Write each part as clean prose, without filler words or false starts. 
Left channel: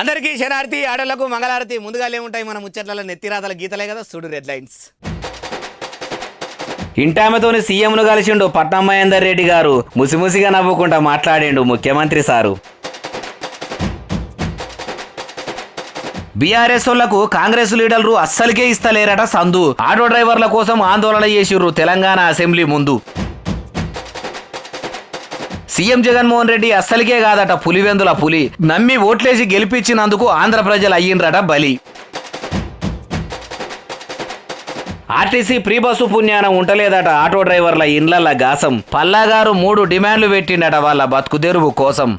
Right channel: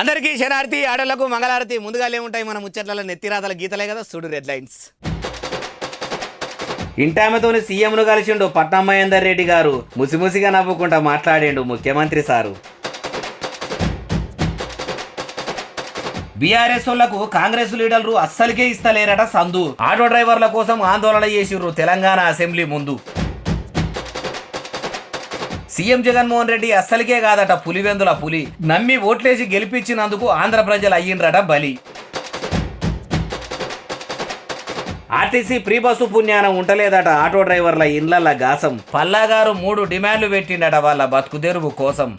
అందరికీ శనార్థి ఆడలకు మంగళారతి. ముందుగా ఏముంటాయి మన ముచ్చట్ల నెత్తిరాతల గీతలే కదా, చూడు హెడ్లైన్స్. ఇంటామెతోని సీఎంను కలిసిండు పట్నం మహేందర్ రెడ్డి గారు. ముసిముసిగా నవ్వుకుంటా మాట్లాడిండు ముఖ్యమంత్రి సారు. బీఆర్ఎస్ వాళ్లకు కాంగ్రెస్ లీడర్లు అస్సలకే ఇస్తలేరట సందు. ఆటో డ్రైవర్ల కోసం ఆందోళన చేసిర్రు తెలంగాణ అసెంబ్లీ ముందు. సీఎం జగన్మోహన్ రెడ్డి అస్సలకే కాదట పులివెందుల పులి. నమ్మి ఓట్లేసి గెలిపించినందుకు ఆంధ్ర ప్రజలు అయ్యిండ్రట బలి. ఆర్టీసీ ప్రీ బస్సు పుణ్యానం ఉంటలేదట ఆటో డ్రైవర్ల ఇండ్లల్ల గాసం. పల్లాగారు 3 డిమాండ్లు పెట్టిండట వాళ్ళ బతుకుదెరువు కోసం.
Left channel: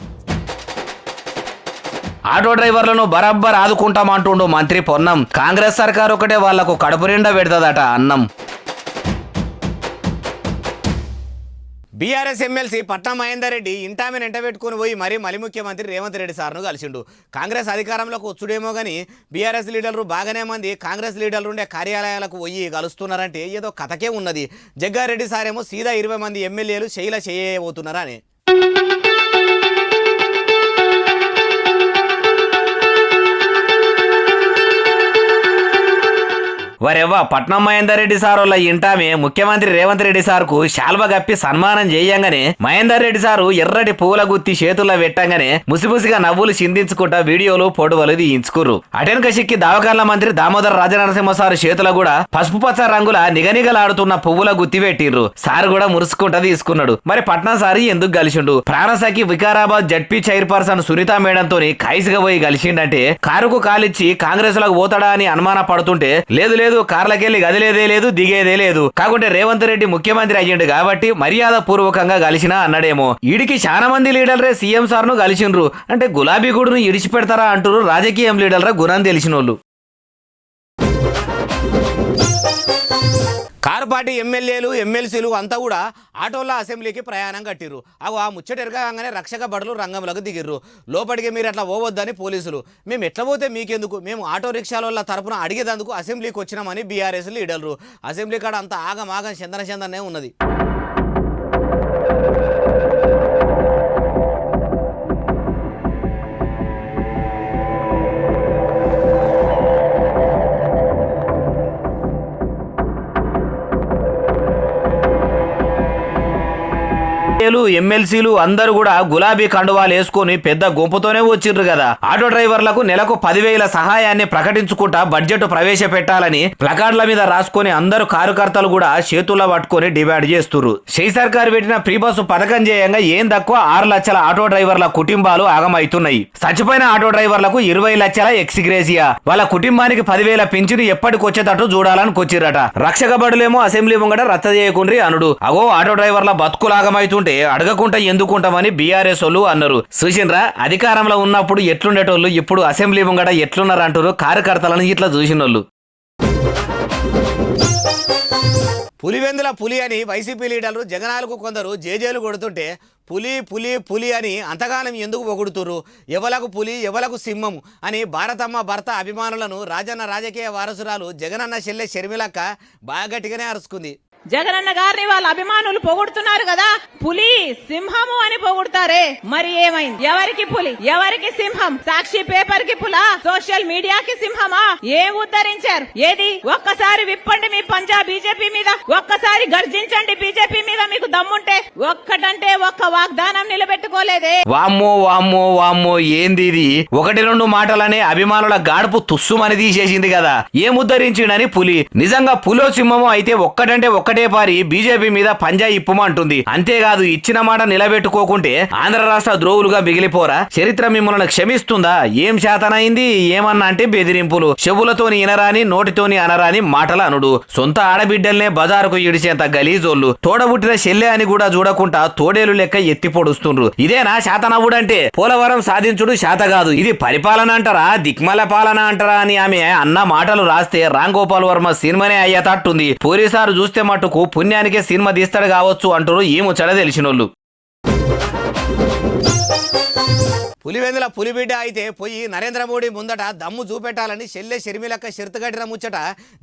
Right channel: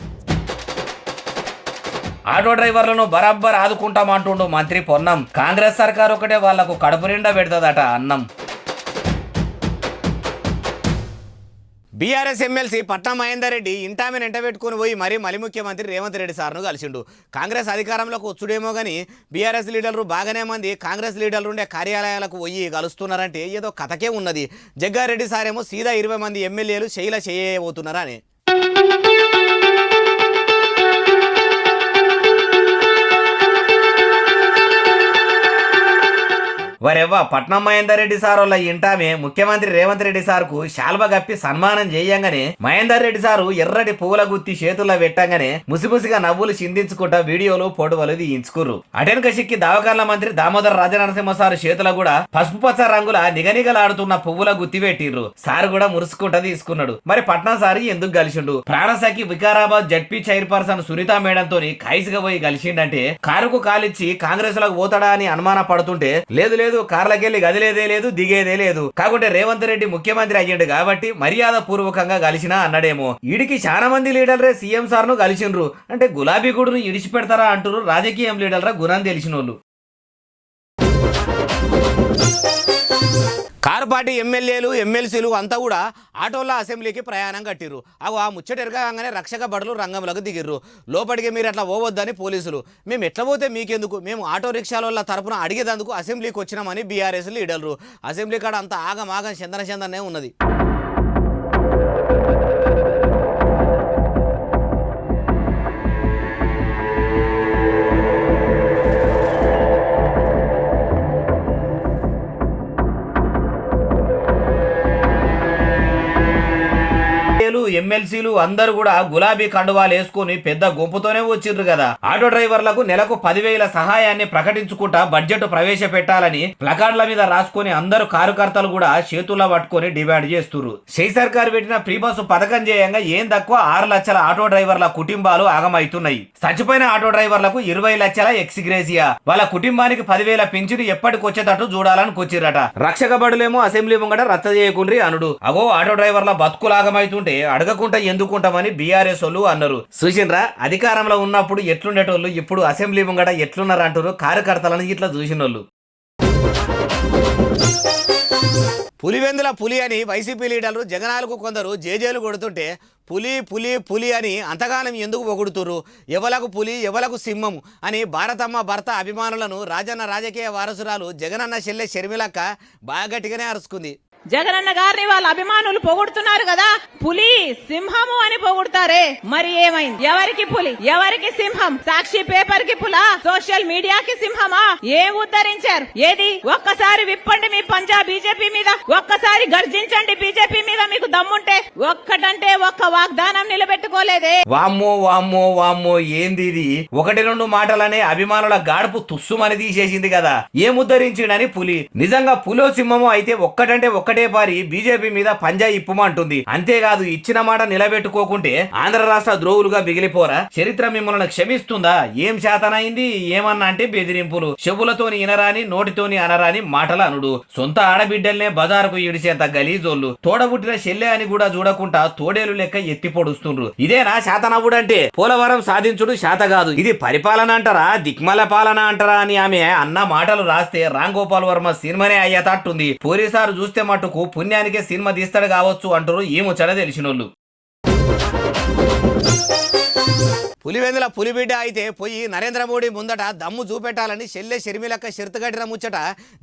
ఆటో డ్రైవర్లను బరాబ్బర్ ఆదుకుంటామంటుండు మంత్రి పొన్నం. కాంగ్రెస్ సర్కారు ఒకటే వాళ్లకు కడుపు నిండా పెడతదట అన్నం. బీఆర్ఎస్ ఎమ్మెల్సీ పట్నం మహేందర్ రెడ్డి ఇంటామెను ఎంటబెట్టుకుని పోయి మళ్ళీ ముఖ్యమంత్రి రేవంత్ రెడ్డి సార్ను కలిసిండు. కాంగ్రెస్ అధికారంలోకి వచ్చుడేమో కానీ బీఆర్ఎస్ లీడర్లు బాగానే మంది కాంగ్రెస్ లీడర్లు ఉండే కార్యాలయాలకు పోయి కలుస్తున్నారంటే ఏదో కథకే ఉన్నది. జగ్గారెడ్డి సారేమో సీదా 20 మంది ఎమ్మెల్యేలు చేయబోతున్నారా అని. వరెవ్వ పట్నం మహేందర్ రెడ్డి సార్ వాళ్ళ ఇంటామే ముఖ్యమంత్రి రేవంత్ రెడ్డి సార్కు శాల్వ గప్పి సన్మానం చేయంగానే మహేందర్ రెడ్డి సారు ఎర్రటి పూల గుత్తి చేతుల్లో పెట్టంగానే ముసిముసిగా నవ్వులు చిందించుకుంటా వీడియోలు ఫోటోలు తీయించుకుర్రు. అటెనక సిక్కి దావకాల మంత్రి దామోదర్ రాజనరసింహ సార్ చేతుల కూడా పసుపు పచ్చ రంగుల నిగనిగలాడుతున్న పువ్వుల గుత్తి పెట్టిర్రు. సార్ కూడా మురుసుకుంటా తీసుకున్నాడు. మరి పట్నం సారి ఎందుకు కలిసిండు? ప్రాణసఖి వికారాబాద్ జడ్పీ చైర్పర్సన్ సునీత మేడంతో ఖైసుగా పోయి కలిసిండంటే కారుకు కాలిచ్చి కాంగ్రెస్ లకు పోతాడా అని అనుమాన పడుతుంటే లేదు కార్లకెళ్ళి గదిలేదే లేదు దిగేదే లేదు. కాకుంటే రేవంత్ రెడ్డి ముఖ్యమంత్రి అయ్యిండు కాబట్టి మర్యాద పూర్వకంగా కలిసినా అన్నాడేమో. ఈడికి చాలా మంది లీడర్లే సీఎం సార్ను కలిసిండ్రు అంటే గులాబీ గూడును ఇడిచిపెడతారా అంటారు రాజకీయం లీడర్ల గుణం తెలిసినోళ్ళు. కారు పార్టీ ఎమ్మెల్యేలు ఎమ్మెల్సీలు అంతా కూడా ఆటోల్లో అసెంబ్లీకి ప్రయాణం కట్టిర్రు. అవి ఆ ముచ్చటెరగానే రక్షక భటులు రంగంలోకి దిగిర్రు. లోపలికి మీరు అట్లా పోవద్దని పోలీసులు. మేము ఎట్లా పోతే మీకెందుకు, మేము ఆటో రిక్షాల తరపున అడిగేందుకు అసెంబ్లీకి వచ్చినామని బీఆర్ఎస్ లీడర్లు. అసెంబ్లీ కాడ అంతా ఆగమాగం చందనే ఉన్నది. ఎమ్మెల్సీలు అందరూ కూడా గులాబీ కండువాలు వేసుకుని పెద్ద గుంపుతోనే వచ్చిర్రు కదా. ఆటో డ్రైవర్లకు నెలకు 10,000 సహాయాన్ని ప్రకటించుకుంటా బడ్జెట్ ప్రవేశపెట్టాలని ప్లకార్డుల మీద రాసుకొని అందరూ కార్యకర్తలు కూడా చేతుల్లో పట్టుకొని డిమాండ్ చేస్తున్నారు. షెయి సర్కార్ పెట్టిన ఫ్రీ బస్సు పథకం చేయంగా ఏం తక్కువ 6 లక్షల ఆటో డ్రైవర్ల కుటుంబాలు ఆగమవుతున్నాయి. చచ్చిపోయిన ఆటో డ్రైవర్లకు 20 లక్షల ఎక్స్గ్రేసియా, వాళ్ళ కుటుంబానికి 10,000 పింఛను ఎప్పటికొచ్చేటట్టు చూడాలని కొచ్చిరట. రక్షక బడులేమో అసెంబ్లీ ముంగట రచ్చ చేయకుండ్రి అనుడు. అగో ఆటో డ్రైవర్ల బతుకులు ఆగమవుతుంటే అడగకుండా ఎందుకుంటామని బీఆర్ఎస్ వాళ్ళు అన్నారు. చూసిండ్రా అధికారంలో ఉన్నప్పుడు ఎట్లుండేటోళ్ళు ఇప్పుడు అసెంబ్లీ ముంగట ఎట్లున్నారు అంటారు కార్యకర్తలను ఇట్లా చూసినోళ్ళు. పులివెందుల పులి అని వైసీపీ లీడర్లు జగనాలకు కొందరు జేజేలు కొడుతుంటే పులి పులి పులి అని అంతగానం ఎందుకు పొగుడుతురు? ఎవలకు పులి ఎవలకు సింహం అని భారతమ్మ భర్త అభిమానులను రాజన్న రాజకీయ వారసురాలు జగనన్న చెల్లె షర్మిలక్క బాగా గట్టిగానే అరుచుకుంది. జగనన్న గారిని వాళ్ళ అభిమానులు పొగుడుతున్నారు కదా, పులి సింహము అని పొగుడుతారే, మరి ఏమైంది? ఎవరికి పులి ఎవరికి సింహం? సాక్షి పేపర్ కి పులా, సోషల్ మీడియాకి సింహమా? ఏం ఉద్ధరించారు? ఏది? ఒక్కసారి విప్పండి మీ పంజా బీజేపీ మీద, ఒక్కసారి గర్జించండి బీజేపీ మీద మీకు దమ్ముంటే. ఒక్కటంటే ఒక్క వాగ్దానం నిలబెట్టుకోలేదే. వామ్మో వామ్మో వామ్మో ఏంది ఇది? 1-2 మాటలనే అభిమానుల గాడుపు తుస్సుమని తీసేసింది కదా. ఏం ఉద్ధరించిండని పులి. నిజంగా పులో సింహము అయితే ఒక్కటంటే ఒకటే పారి బీజేపీ మీద పంజా ఇప్పమంటుంది. అంతేకాదు ఇచ్చిన మాట నిలబెట్టుకోకుంటే ఆంధ్ర రాష్ట్ర ద్రోవులుగా మిగిలిపోరా? చరిత్ర మిమ్మల్ని క్షమిస్తుందా? ఏం శాతనైంది? ఏమన్నా అంటే బెదిరింపులు, చెవులతోని ఇనరాని నోటితోని అనరాని మాటలు అనుడు. సొంత ఆడబిడ్డల్నే బజారుకు ఇడిచేంత గలీజోళ్ళు. తోడబుట్టిన చెల్లె అని కూడా చూడకుండా తోడేలు లెక్క ఎత్తి పొడుస్తుండ్రు. ఇదేనా శాతనవ్వుడంటే? పోలవరం సాధించుడు శాత కాదు, ఇది పరిపాలన అంటారా దిక్మల పాలన అంటారా అని ఆమె అన్న మాటలు రాస్తే రామ్ గోపాల్ వర్మ సినిమానే అయ్యేటట్టుంది. పోలీసారు చూస్తే మటుకు పుణ్యానికే సినిమా తీస్తాడు కావచ్చు అంటారు ఈ ముచ్చట తెలిసినోళ్ళు. పులివెందుల పులిబిడ్డ అయితే పోయి నరేంద్ర మోడీ ముందట దమ్ము చూపెట్టాలని చెల్లె షర్మిలక్క షరతు కట్టిన ముచ్చట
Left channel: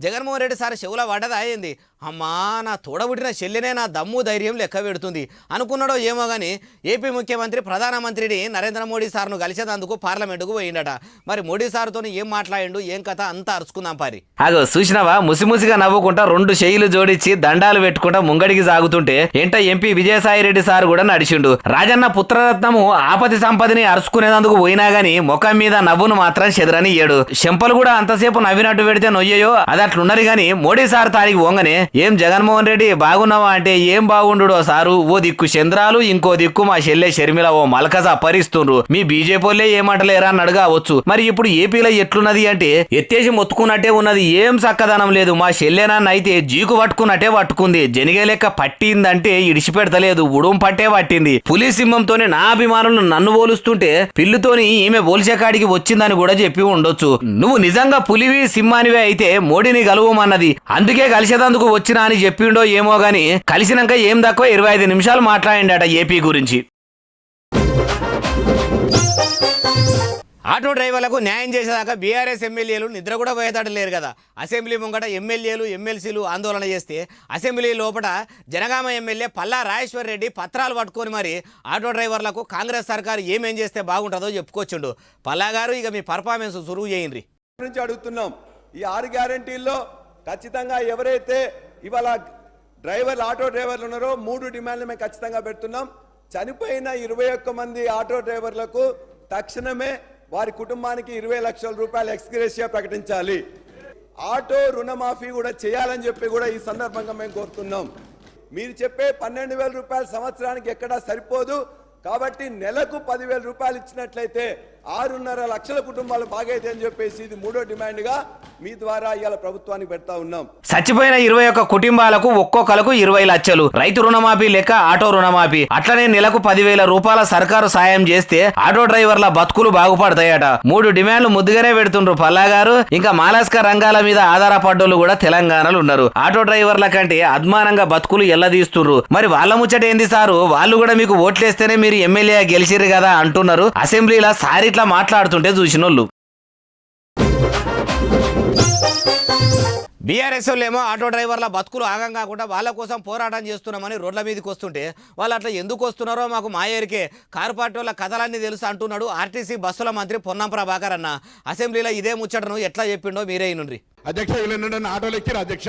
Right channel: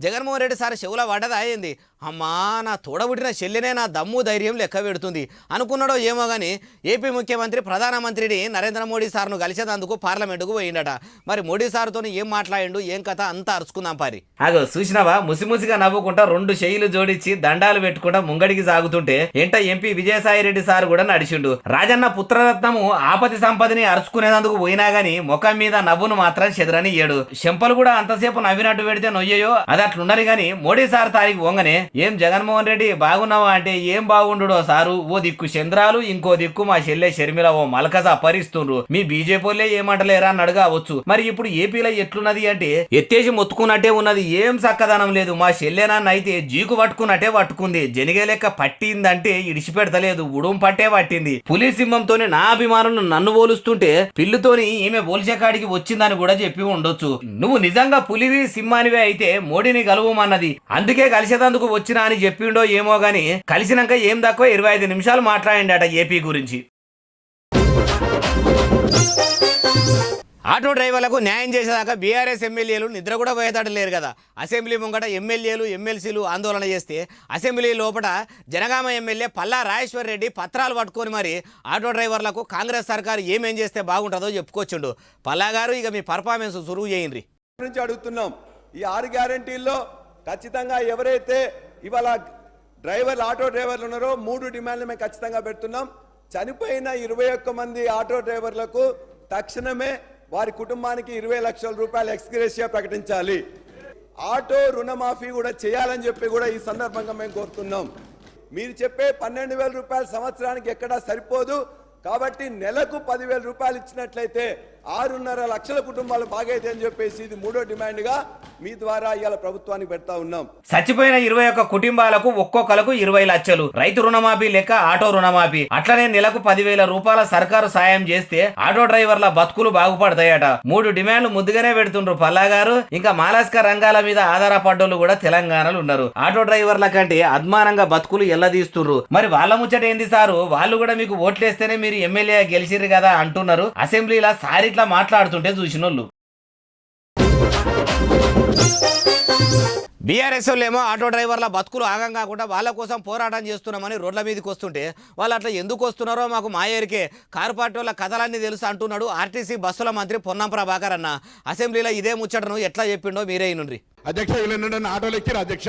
జగన్మోహన్ రెడ్డి సార్ చెవుల పడ్డదా అయింది. అమ్మా నా తోడబుట్టిన చెల్లెనే నా దమ్ము ధైర్యం లెక్క పెడుతుంది అనుకున్నాడో ఏమో కానీ ఏపీ ముఖ్యమంత్రి ప్రధానమంత్రిని నరేంద్ర మోడీ సార్ను కలిసేందుకు పార్లమెంటుకు పోయిండట. మరి మోడీ సార్తో ఏం మాట్లాడిండు ఏం కథ అంతా అరుచుకుందాం పారి. అగో చూసినావా ముసిముసిగా నవ్వుకుంటా రెండు చెయ్యిలు జోడించి దండాలు పెట్టుకుంటా ముంగడికి సాగుతుంటే ఎంట ఎంపీ విజయసాయిరెడ్డి సార్ కూడా నడిచిండు. రాజన్న పుత్రరత్నము ఆపతి సంపదని అరుచుకునేందుకు పోయినా గాని ముఖం మీద నవ్వును మాత్రం చెదరనియ్యాడు. చెంపలు కూడా అంతసేపు నవ్వినట్టు పెడితే నొయ్యయో అది అట్లున్నది గాని మోడీ సార్ తారికి పోంగనే ఏం జగన్మోహన్ రెడ్డి బాగున్నావా అంటే ఏం బాగుండు సారు, ఓ దిక్కు చంద్రాలు ఇంకో దిక్కు మా చెల్లె షర్మిల ఓ మలకస అపరిస్తుండ్రు, మీ బీజేపీలే ఏమంటలేరా అని అడగవచ్చు. మరి ఇప్పుడు ఏపీలో ఎట్లున్నది అంటే ఎత్తేసి మొత్తుకున్నట్టే ఉన్నది, ఏం చక్కదనం లేదు. మా చెల్లెనాన్న అయితే జీకు పట్టుకున్నట్టే పట్టుకుంది, జనిగే లెక్క పట్టిందంటే ఇడిచిపెడతలేదు, ఉడుం పట్టే పట్టింది. పులి సింహంతోనే నా అభిమానులు నన్ను పోలుస్తుంటే పిల్లుతోని ఈమె పోల్చే కాడికి వచ్చిందని కూడా చెప్పి ఉండొచ్చు. నువ్వు నిజంగా పులివి సింహానివే అయితే మోడీని కలువమన్నది, అందుకే కలిసేదందుకు వచ్చినా అని చెప్పిండో ఏమో గాని కలిసినాక ఏం తక్కువ 25 నిమిషాలు మాట్లాడిండట ఏపీ గురించి. ఆటో డ్రైవర్లకు న్యాయం చేసేదాకా బీఆర్ఎస్ ఎమ్మెల్యేలు నిద్ర కూడా పోయేదాడు లేరు కదా. అసెంబ్లీ ముంగట ఎమ్మెల్యేలు ఎమ్మెల్సీలు ఆందోళన చేస్తే అసెంబ్లీ లోపల జనగామ ఎమ్మెల్యే పల్లా రాజేశ్వర్ రెడ్డి పత్రాలు పట్టుకొని మరి ఆటో డ్రైవర్లకు కాంగ్రెస్ సర్కారు ఏమేం చేస్తే బాగుంటుందో చెప్పుకొచ్చిండు. పల్లా గారు ఇక మీ పర్ఫార్మెన్స్ సురువు చేయండి నుంచి అడుగుతున్నాం. ఈ 6 గ్యారంటీల్లో ఖచ్చితంగా ఎవరైతే ఇవాళ ఆటో డ్రైవర్లు ఉన్నారో 3 డిమాండ్లు మేము ఖచ్చితంగా పెడుతున్నాం. చనిపోయిన 21 మంది ఆటో డ్రైవర్లకు తక్షణమే వారి కుటుంబానికి 20 లక్షల రూపాయలు ఎక్స్గ్రేషియా ప్రకటించాలి. ఆటో రుణమాఫీ కూడా చేయాలని చెప్పి కూడా ఈ సందర్భంగా మేము కోరుతున్నాం. మీరు చెప్పే 12,000 రూపాయలు సంవత్సరానికి ఎక్కడా సరిపోదు కాబట్టి నెలకు 10,000 రూపాయలు ఇచ్చినట్లయితే 6.5 లక్షల కుటుంబాలు బాగైతే అని చెప్పేసి ఇది 3వ డిమాండ్గా మీ ద్వారా ఇవాళ ప్రభుత్వానికి పెడతా ఉన్నాం. చచ్చిపోయిన 21 కుటుంబాలకు ఒక్కొక్కలకు 20 లక్షలు, రైతు రుణమాఫీ లెక్క ఆటో రుణమాఫీ, అట్లనే నెలకు 10,000 రూపాయల సర్కారు సాయం చేస్తే ఆటో డ్రైవర్ల బతుకులు బాగుపడతాయట. 3 డిమాండ్లు ముద్దుగానే పెడుతుండ్రు పల్లా గారు. ఇంకా మాలాస్క రంగాల మీద ఆధారపడ్డోళ్ళు కూడా తెలంగాణలో ఉన్నారు. ఆటో డ్రైవర్ల కంటే అద్మానంగా బతుకులు ఎల్లదీస్తుండ్రు. మరి వాళ్ళ ముచ్చట ఏంది సారు, వాళ్ళు కూడా మీకు ఓట్లేస్తేనే మీరు ఎమ్మెల్యే గెలిచిరు కదా అంటున్నారు. అసెంబ్లీలో సారిట్లా మాట్లాడుతుంటే చూసినోళ్ళు. బీఆర్ఎస్ ఏమో ఆటో డ్రైవర్ల బతుకులు ఆగం కాకుండా వాళ్ళ కోసం పోరాటం చేస్తున్నామని రోడ్ల మీదకి వస్తుంటే వాళ్ళు అట్లా ఎందుకు వస్తున్నారో మాకు మాయేరికే, కారు పార్టీ వాళ్ళ కథలన్నీ తెలుసు అంటున్నాడు ఆర్టీసీ బస్సుల మంత్రి పొన్నం ప్రభాకర్ అన్న. అసెంబ్లీలో ఇదే ముచ్చటను ఎట్లా చెప్పిండో మీరే నుండి. అధ్యక్ష వీళ్ళు ఆటోలు ఎక్కిరు అధ్యక్ష,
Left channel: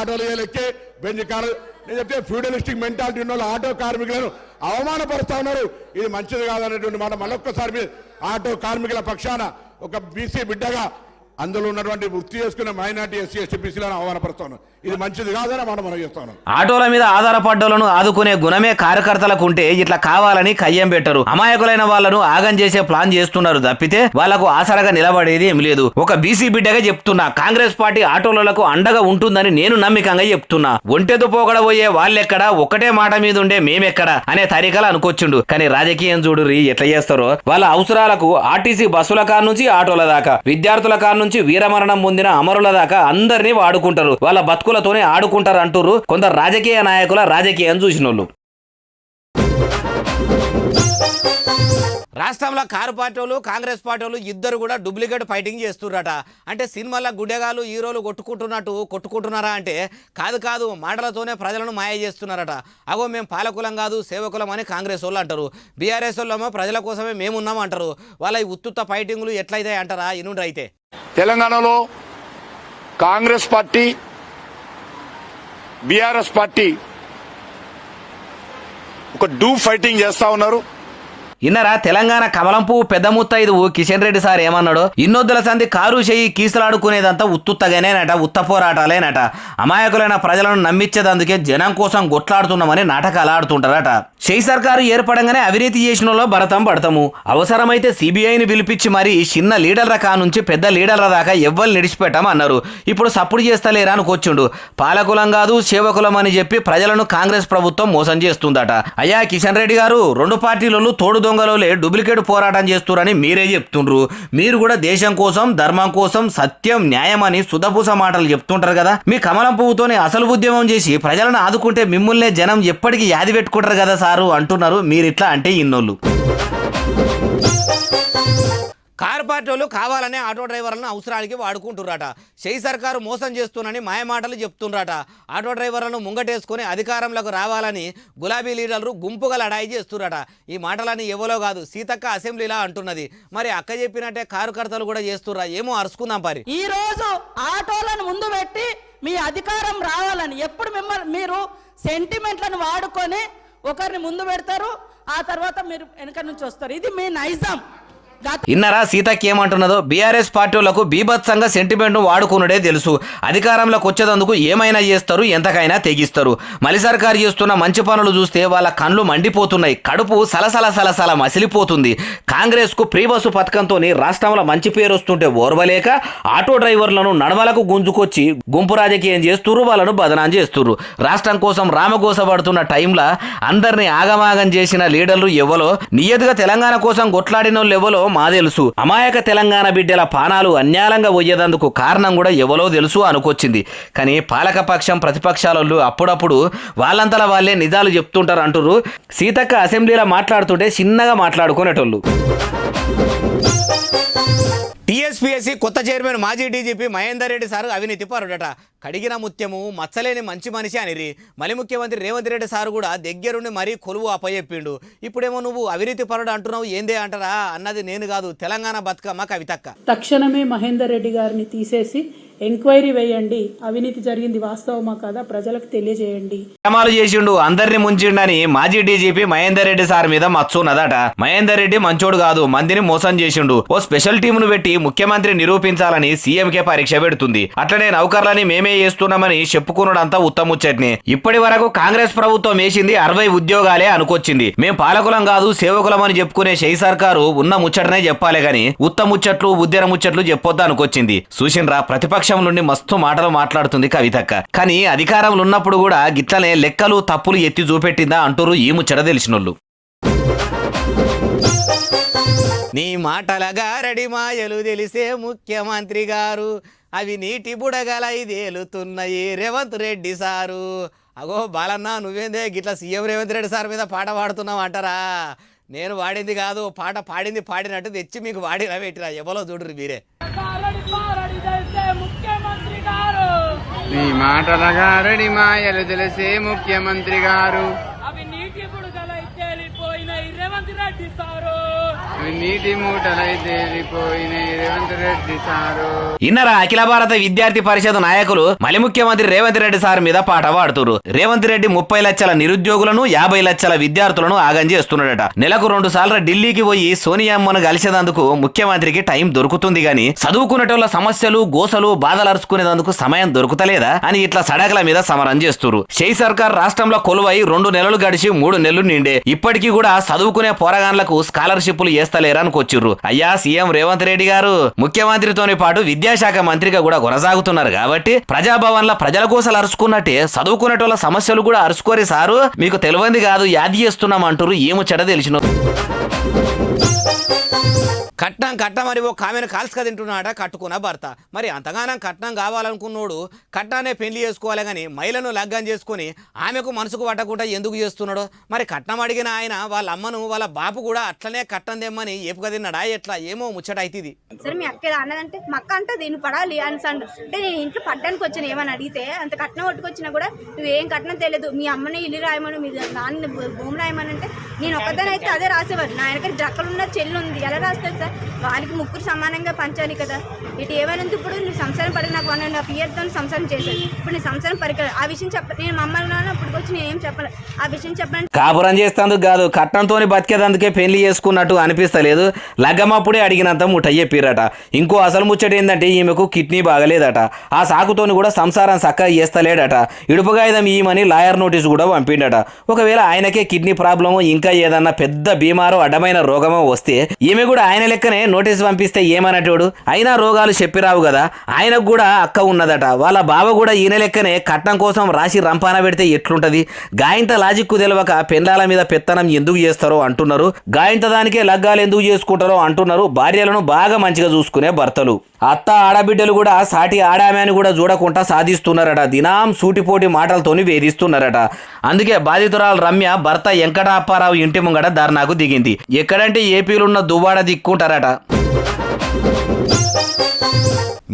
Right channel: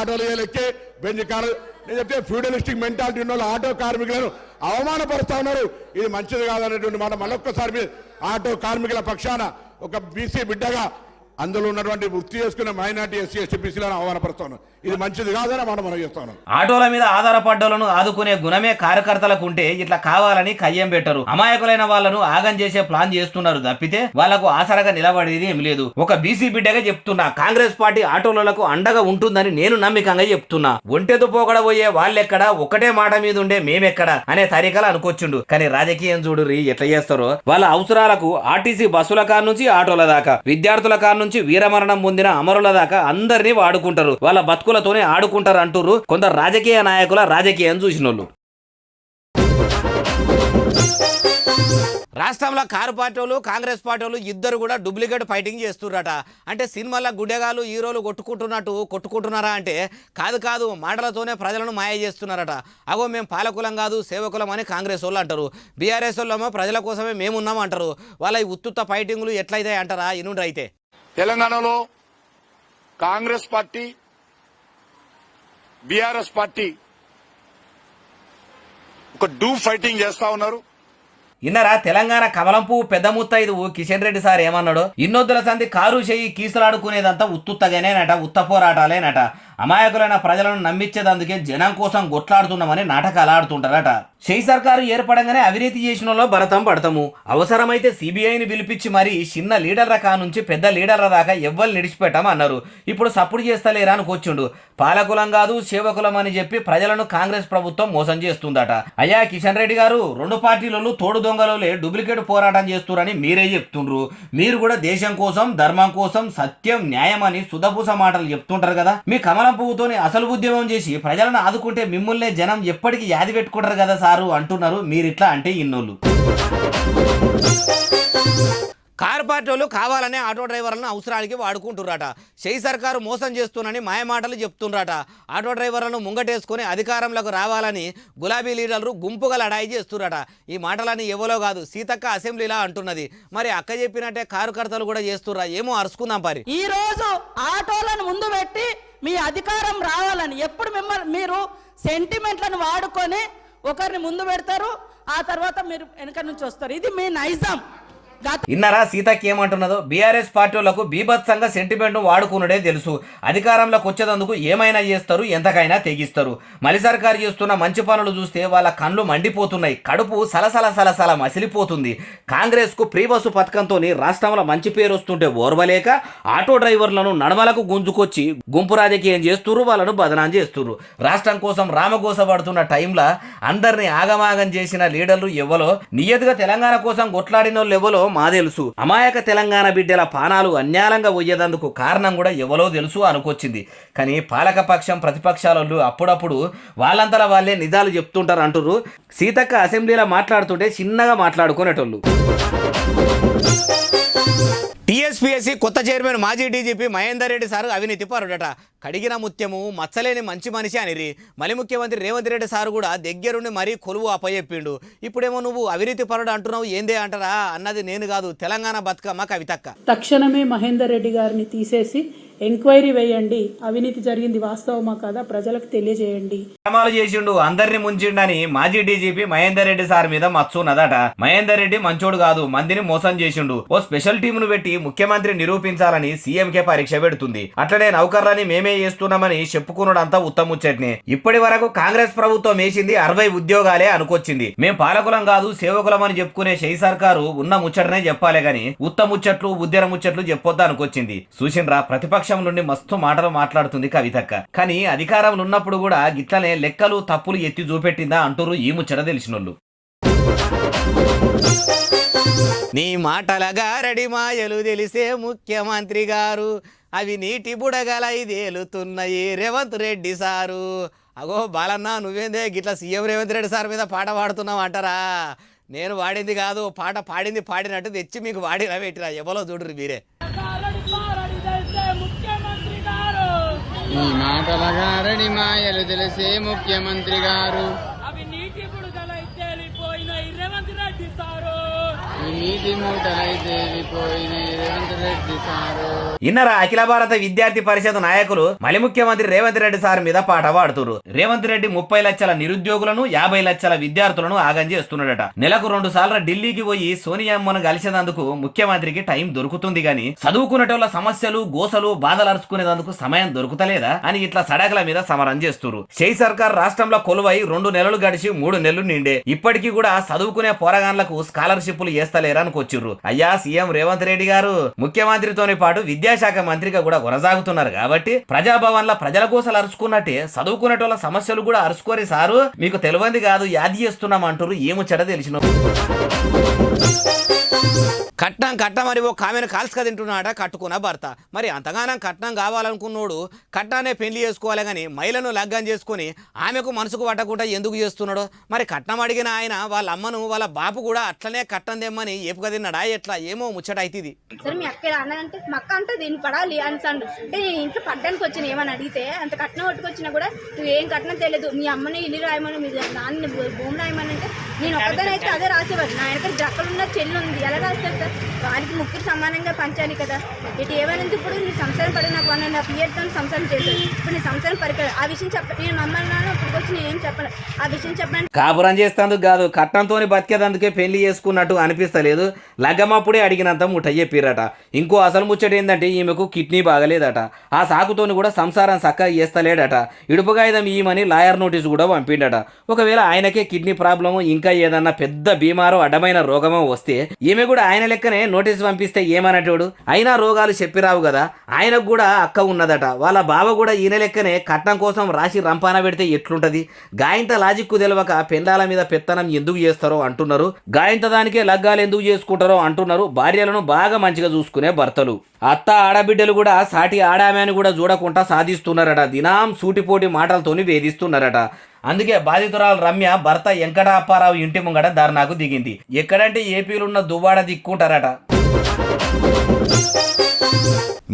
ఆటోలు ఎక్కి బెంచ్ కారు నేను చెప్తే ఫ్యూడలిస్టిక్ మెంటాలిటీ ఉన్న వాళ్ళు ఆటో కార్మికులను అవమానపరుస్తా ఉన్నారు. ఇది మంచిది కాదనేటువంటి మాట మరొక్కసారి ఆటో కార్మికుల పక్షాన ఒక బీసీ బిడ్డగా అందులో ఉన్నటువంటి వృత్తి చేసుకున్న మైనార్టీ ఎస్సీ ఎస్టీ బీసీలను ఆహ్వానపరుస్తాను. ఇది మంచిది కాదని మనం చేస్తాను. ఆటోల మీద ఆధారపడ్డోళ్లను ఆదుకునే గుణమే కార్యకర్తలకు ఉంటే ఇట్లా కావాలని కయ్యం పెట్టరు. అమాయకులైన వాళ్ళను ఆగం చేసే ప్లాన్ చేస్తున్నారు తప్పితే వాళ్లకు ఆసరగా నిలబడేది ఏం లేదు. ఒక బీసీ బిడ్డగా చెప్తున్నా, కాంగ్రెస్ పార్టీ ఆటోలకు అండగా ఉంటుందని నేను నమ్మకంగా చెప్తున్నా. ఒంటెతో పోగడబోయే వాళ్ళెక్కడ, ఒకటే మాట మీద ఉండే మేమెక్కడ అనే తరీకలు అనుకొచ్చిండు. కానీ రాజకీయం చూడురి ఎట్లా చేస్తారో. వాళ్ళ అవసరాలకు ఆర్టీసీ బస్సుల కార్ నుంచి ఆటోల దాకా, విద్యార్థుల కార్ నుంచి వీరమరణం పొందిన అమరుల దాకా అందరినీ వాడుకుంటారు. వాళ్ళ బతుకులతోనే ఆడుకుంటారు అంటారు కొందరు రాజకీయ నాయకుల రాజకీయం చూసినోళ్ళు. రాష్ట్రంలో కారు పార్టీలు కాంగ్రెస్ పార్టీలు ఇద్దరు కూడా డూప్లికేట్ ఫైటింగ్ చేస్తున్నారట. అంటే సినిమాల గుడ్డెగాలు హీరోలు కొట్టుకుంటున్నారా అంటే కాదు మాటలతోనే ప్రజలను మాయ చేస్తున్నారట. అగో మేము పాలకులం కాదు సేవకులం అని కాంగ్రెస్ వాళ్ళు అంటారు. బీఆర్ఎస్ వాళ్ళేమో ప్రజల కోసమే మేమున్నాం అంటారు. వాళ్ళ ఈ ఉత్తుత్త ఫైటింగ్లు ఎట్లయితే అంటారా ఇనుండ్రు. అయితే తెలంగాణలో కాంగ్రెస్ పార్టీ బీఆర్ఎస్ పార్టీ ఒక ఫైటింగ్ చేస్తా ఉన్నారు. ఇన్నరా తెలంగాణ కమలం పువ్వు పెద్ద ముత్తైదువు కిషన్ రెడ్డి సార్ ఏమన్నాడు, ఇన్నొద్దుల సంధి కారు చేయి కీసులాడుకునేదంతా ఉత్తుత్తగానేనట, ఉత్త పోరాటాలేనట. అమాయకులైన ప్రజలను నమ్మించేదందుకే జనం కోసం గొట్లాడుతున్నామని నాటకాలు ఆడుతుంటారట. షెయి సర్కారు ఏర్పడంగానే అవినీతి చేసిన వాళ్ళు భరతం పడతాము, అవసరమైతే సిబిఐని పిలిపించి మరి చిన్న లీడర్ల కా నుంచి పెద్ద లీడర్ల దాకా ఎవ్వరు నిడిచిపెట్టామన్నారు. ఇప్పుడు సప్పుడు చేస్తలేరా అనుకొచ్చిండు. పాలకులం కాదు సేవకులం అని చెప్పి ప్రజలను కాంగ్రెస్ ప్రభుత్వం మోసం చేస్తుందట. అయ్యా కిషన్ రెడ్డి గారు, 2 పార్టీలలో తోడు దొంగలోలే డూప్లికేట్ పోరాటం చేస్తున్నారని మీరే చెప్తుండ్రు. మీరు కూడా దేశం కోసం ధర్మం కోసం సత్యం న్యాయం అని సుధపూస మాటలు చెప్తుంటారు కదా. మీ కమలం పువ్వుతోనే అసలు ఉద్యమం చేసి ప్రజలను ఆదుకుంటే మిమ్మల్నే జనం ఎప్పటికీ యాది పెట్టుకుంటారు కదా సారు అంటున్నారు. మీరిట్లా అంటే ఇన్నోళ్ళు. కారు పార్టీ వాళ్ళు కావాలనే ఆటో డ్రైవర్లను అవసరానికి వాడుకుంటున్నారట. షెయి సర్కారు మోసం చేస్తున్నానని మాయమాటలు చెప్తున్నారట. ఆటో డ్రైవర్లను ముంగటేసుకొని అధికారంలోకి రావాలని గులాబీ లీడర్లు గుంపుగా లడాయి చేస్తున్నారట. ఈ మాటలని ఎవరో కాదు, సీతక్క అసెంబ్లీలా అంటున్నది. మరి అక్క చెప్పినట్టే కారు కర్తలు కూడా చేస్తుర్రా ఏమో, అరుచుకుందాం పరి. ఈ రోజు ఆటోలను ముందు పెట్టి మీ అధికారం రావాలని ఎప్పుడు మిమ్మల్ని మీరు సెంటిమెంట్లను వాడుకొని ఒకరిని ముందు పెడతారు, ఆ తర్వాత మీరు వెనక నుంచి వస్తారు. ఇది మీ నైజం. ఇన్నరా సీతకి ఏమంటున్నదో? బీఆర్ఎస్ పార్టీలకు బీభత్సంగా సెంటిమెంట్ వాడుకున్నడే తెలుసు. అధికారంలోకి వచ్చేందుకు ఏమైనా చేస్తారు, ఎంతకైనా తెగిస్తారు. మలి సర్కారు చేస్తున్న మంచి పనులు చూస్తే వాళ్ళ కళ్ళు మండిపోతున్నాయి, కడుపు సలసల మసిలిపోతుంది. కాంగ్రెస్ కు ఫ్రీ బస్సు పథకంతో రాష్ట్రంలో మంచి పేరు వస్తుంటే ఓర్వలేక ఆటో డ్రైవర్లను నడవలకు గుంజుకొచ్చి గుంపు రాజకీయం చేస్తున్నారు, వాళ్ళను బదనాం చేస్తున్నారు. రాష్ట్రం కోసం రామగోసపడుతున్న టైంలో అందరినీ ఆగమాగం చేసిన లీడర్లు ఎవరో, నియతిగా తెలంగాణ కోసం కొట్లాడిన వాళ్ళు ఎవరో మా తెలుసు. అమాయక తెలంగాణ బిడ్డల పానాలు అన్యాయంగా పోయేదందుకు కారణం కూడా ఎవరో తెలుసు అనుకొచ్చింది. కానీ పాలకపక్షం ప్రతిపక్షాలు అప్పుడప్పుడు వాళ్ళంతలా వాళ్ళే నిజాలు చెప్తుంటారు అంటారు. సీతక్క అసెంబ్లీలో మాట్లాడుతుంటే చిన్నగా మాట్లాడుకునేటోళ్ళు. టీఎస్పీఎస్సీ కొత్త చైర్మన్ మాజీ డీజీపీ మహేందర్ రెడ్డి సారు అవినీతి పరుడట. కడిగిన ముత్యము మచ్చలేని మంచి మనిషి అనిరి. మళ్ళీ ముఖ్యమంత్రి రేవంత్ రెడ్డి సారు కూడా దగ్గరుండి మరీ కొలువు అప్పచెప్పిండు. ఇప్పుడేమో నువ్వు అవినీతి పరుడు అంటున్నావు, ఏందే అంటారా? అన్నది నేను కాదు, తెలంగాణ బతుకమ్మ కవితక్క. తక్షణమే మహేందర్ రెడ్డి గారిని తీసేసి ఎంక్వైరీ వేయండి, అవినీతి జరిగింది వాస్తవమా కాదా ప్రజలకు తెలియజేయండి. అమలు చేసిండు, అందరిని ముంచిండని మాజీ డీజీపీ మహేందర్ రెడ్డి సార్ మీద మచ్చున్నదట. మహేందర్ రెడ్డి మంచోడు కాదు, మందిని మోసం చేసిండు. ఓ స్పెషల్ టీమును పెట్టి ముఖ్యమంత్రి నిరూపించాలని సీఎంకే పరీక్ష పెడుతుంది. అట్లనే నౌకర్లని మేమే చేస్తున్నామని చెప్పుకున్నాడంతా ఉత్తముచ్చట్నే. ఇప్పటి వరకు కాంగ్రెస్ ప్రభుత్వం వేసింది 60 ఉద్యోగాలే అనుకొచ్చింది. మేం పాలకులం కాదు సేవకులం అని చెప్పుకునే షెయి సర్కారు ఉన్న ముచ్చటనే చెప్పాలి గాని ఉత్తముచ్చట్లు ఉద్యర ముచ్చట్లు చెప్పొద్దు అనుకొచ్చింది. చూసిండ్రా, ప్రతిపక్షం నుండి మస్తు మాటలు మాట్లాడుతుంది కవితక్క. కానీ అధికారంలో ఉన్నప్పుడు కూడా గిట్లనే లెక్కలు తప్పులు ఎత్తి చూపెట్టిందా అంటారు ఈ ముచ్చట తెలిసినోళ్ళు. నీ మాటలగా రెడీ మాయలు తెలిసే ముఖ్యమంత్రి గారు, అవి నీటి బుడగలై తేలుతున్నాయి రేవంత్ రెడ్డి సారు. అగో బాలన్న, నువ్వేందే గిట్లా సీఎం రేవంత్ రెడ్డి సార్ మీద పాట పాడుతున్నావు అంటారా? నేను వాడింది కాదు, పాట పాడినట్టు తెచ్చి మీకు వాడినా పెట్టినా, ఎవరో చూడరు మీరే. నీ మాటలగా రెడీ మాయలు తెలిసే ముఖ్యమంత్రి గారు, అవి నీటి బుడగలై తేలిపోయినాయి రేవంత్ రెడ్డి సారు. నీటి మూటలైతే రేవంత్ రెడ్డి సారు. ఇన్నర అఖిల భారత విద్యార్థి పరిషత్ నాయకులు మలి ముఖ్యమంత్రి రేవంత్ రెడ్డి సార్ మీద పాట పాడుతున్నారు. రేవంత్ రెడ్డి 30 లక్షల నిరుద్యోగులను 50 లక్షల విద్యార్థులను ఆగం చేస్తున్నాడట. నెలకు 2 సార్లు ఢిల్లీకి పోయి సోనియామ్మను కలిసేందుకు ముఖ్యమంత్రికి టైం దొరుకుతుంది గాని చదువుకునేటోళ్ళ సమస్యలు గోసలు బాధలు అరుచుకునేందుకు సమయం దొరుకుతలేదా అని ఇట్లా సడకల మీద సమరం చేస్తున్నారు. షెయి సర్కార్ రాష్ట్రంలో కొలువై 2 నెలలు గడిచి 3 నెలలు నిండే ఇప్పటికీ కూడా చదువుకునే పోరగాన్లకు స్కాలర్షిప్లు వేస్తలేరనుకొచ్చిర్రు. అయ్యా సీఎం రేవంత్ రెడ్డి గారు ముఖ్యమంత్రితోని పాటు విద్యాశాఖ మంత్రిగా కూడా కొనసాగుతున్నారు కాబట్టి ప్రజాభవన్ల ప్రజల కోసం అరుచుకున్నట్టే చదువుకునేటోళ్ళ సమస్యలు కూడా అరుచుకోరే సారు, మీకు తెలియంది కాదు యాది చేస్తున్నాం అంటారు. ఏమో చెడ తెలిసిన కట్నం మరి ఓ కామెను కాల్చుక తింటున్నాడ కట్టుకున్న భర్త. మరి అంతగానం కట్నం కావాలనుకున్నోడు కట్నాన్ని పెళ్లి చేసుకోవాలి కానీ మహిళను లగ్గం చేసుకుని ఆమెకు మనసుకు పట్టకుండా ఎందుకు చేస్తున్నాడు? మరి కట్నం అడిగిన ఆయన వాళ్ళ అమ్మను వాళ్ళ బాపు కూడా అట్లనే కట్నం తెమ్మని ఏపుక తిన్నాడా ఎట్లా? ఏమో ముచ్చట అవుతుంది. సరే మీ అక్క ఇలా అన్నదంటే మా అక్క అంటే దీన్ని పడాలి అని అంటే నేను ఇంట్లో పడ్డానికి వచ్చిన ఏమని అడిగితే అంత కట్నం పట్టుకొచ్చినా కూడా నువ్వేం కట్నం తెలియదు, మీ అమ్మని ఇల్లు రాయమని మీ నాన్న భూమి రాయమని అంటే నేను ఒక్కదాని అయితే అదే రాసేవాడు. నా వెనక జక్కలున్న చెల్లి ఉంది, ఎలా రాస్తారు సార్? వారికి ముగ్గురు సమానంగా పంచాలి కదా. ఇటు ఏమైనా ఉంది, ఇప్పుడు నువ్వు సంసారం పడి నాకు 1.5 yearతో సంసారం చేశాను. ఇప్పుడు నీ సంసారం పరికరం ఆ విషయం నేను మమ్మల్ని నాన్న ఇప్పుడు వచ్చి నేను ఏం చెప్పాలి, ఆ విషయం చెప్పండి. కాపురం చేస్తేందుకు కాదు కట్నంతో బతికేదందుకే పెళ్లి చేసుకున్నట్టు అనిపిస్తలేదు. లగ్గమప్పుడే అడిగినంత ముఠ చెప్పిరట. ఇంకో అసలు ముచ్చట ఏంటంటే ఈమెకు కిడ్నీ బాగలేదట. ఆ సాకుతోని కూడా సంసారం చక్కగా చేస్తలేడట. ఇడుపుగాయుధం ఈమని లాయర్ నోటీసు కూడా పంపిండట. ఒకవేళ ఆయనకే కిడ్నీ ప్రాబ్లము ఇంకా ఏదన్నా పెద్ద బీమారో అడ్డమైన రోగమో వస్తే ఈమె కూడా ఆయన లెక్కనే నోటీసు పంపిస్తే ఏమన్నటోడు? అయినా రోగాలు చెప్పిరావు కదా. ఆయనకు కూడా అక్క ఉన్నదట. వాళ్ళ బావ కూడా ఈయన లెక్కనే కట్నం కోసం రాసి రంపాన పెడితే ఎట్లుంటది? గాయంత లాజిక్కు తెలియక పెండ్లాల మీద పెత్తనం ఎందుకు చేస్తారో అంటున్నారు. గాయంత దానికే లగ్గాలు ఎందుకు చేసుకుంటారో అంటున్నారు. భార్యలను బాగా మంచిగా చూసుకునే భర్తలు. అత్త ఆడబిడ్డలు కూడా సాటి ఆడామని కూడా చూడకుండా సాధిస్తున్నారట. దినాం సూటిపోటి మాటలతోని వేధిస్తున్నారట. అందుకే బాధితురాలు రమ్య భర్త వెంకట అప్పారావు ఇంటి ముంగట ధర్నాకు దిగింది. ఎక్కడంటే ఏపీలున్న దువ్వాడ దిక్కుంటారట.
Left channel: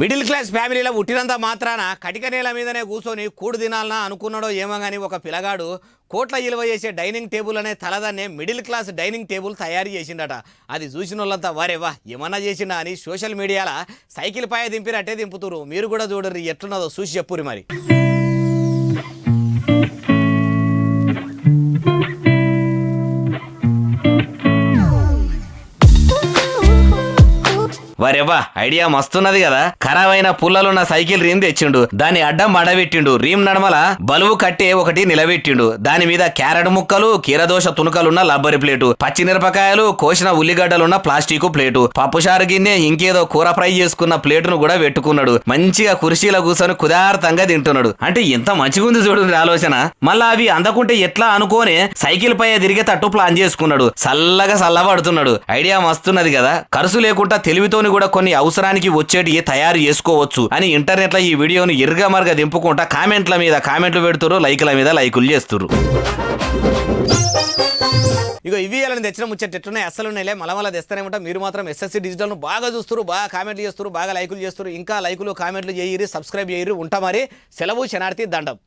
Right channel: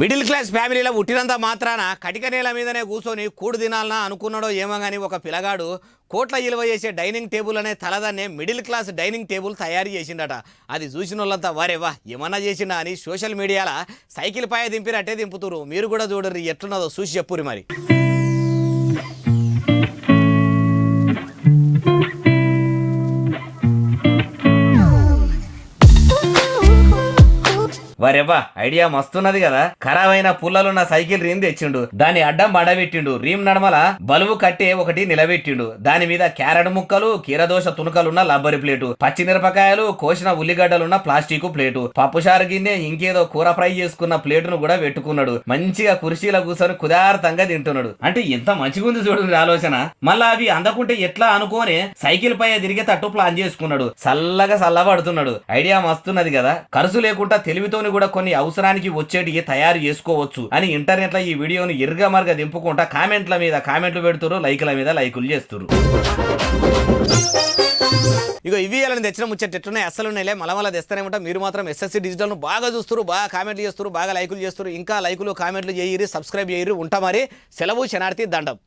మిడిల్ క్లాస్ ఫ్యామిలీలో పుట్టినంత మాత్రాన కటిక నేల మీదనే కూర్చొని కూడు తినాలనా అనుకున్నాడో ఏమో కానీ ఒక పిల్లగాడు కోట్ల విలువ చేసే డైనింగ్ టేబుల్ అనే తలదాన్నే మిడిల్ క్లాస్ డైనింగ్ టేబుల్ తయారు చేసిండట. అది చూసిన వాళ్ళంతా వారేవా ఏమన్నా చేసిండా అని సోషల్ మీడియాలో సైకిల్ పై దింపినట్టే దింపుతురు. మీరు కూడా చూడరు ఎట్లున్నదో చూసి చెప్పురి మరి. వరేవా ఐడియా మస్తున్నది కదా. ఖరాబ్ అయిన పుల్లలున్న సైకిల్ రీమ్ తెచ్చిండు, దాన్ని అడ్డం మడబెట్టిండు, రీమ్ నడమల బలువు కట్టే ఒకటి నిలబెట్టిండు, దాని మీద క్యారెట్ ముక్కలు కీరదోష తునుకలున్న లబ్బరి ప్లేటు, పచ్చిమిరపకాయలు కోసిన ఉల్లిగడ్డలున్న ప్లాస్టిక్ ప్లేటు, పప్పుచారు గిన్నె ఇంకేదో కూర ఫ్రై చేసుకున్న ప్లేటును కూడా పెట్టుకున్నాడు. మంచిగా కుర్చీలో కూర్చొని కుదార్థంగా తింటున్నాడు. అంటే ఎంత మంచిగుంది చూడండి ఆలోచన. మళ్ళా అవి అందకుంటే ఎట్లా అనుకోని సైకిల్ పై తిరిగేటట్టు ప్లాన్ చేసుకున్నాడు. చల్లగా చల్లబడుతున్నాడు. ఐడియా మస్తున్నది కదా. ఖర్చు లేకుండా తెలివితోని కూడా కొన్ని అవసరానికి వచ్చేటి తయారు చేసుకోవచ్చు అని ఇంటర్నెట్ లో ఈ వీడియోను ఎరుగా మరుగా దింపుకుంటా కామెంట్ల మీద కామెంట్లు పెడుతురు, లైకుల మీద లైకులు చేస్తురు. ఇగో ఇవి అలా తెచ్చిన ముచ్చట ఎట్లున్నాయి అసలు ఉన్నాయిలే మళ్ళీ తెస్తానే ఉంటా. మీరు మాత్రం ఎస్ఎస్సి డిజిటల్ను బాగా చూస్తారు, బాగా కామెంట్లు చేస్తారు, బాగా లైకులు చేస్తారు. ఇంకా లైకులు కామెంట్లు చేయరు, సబ్స్క్రైబ్ చేయరు. ఉంటా మరి. సెలవు శనార్థి దండం.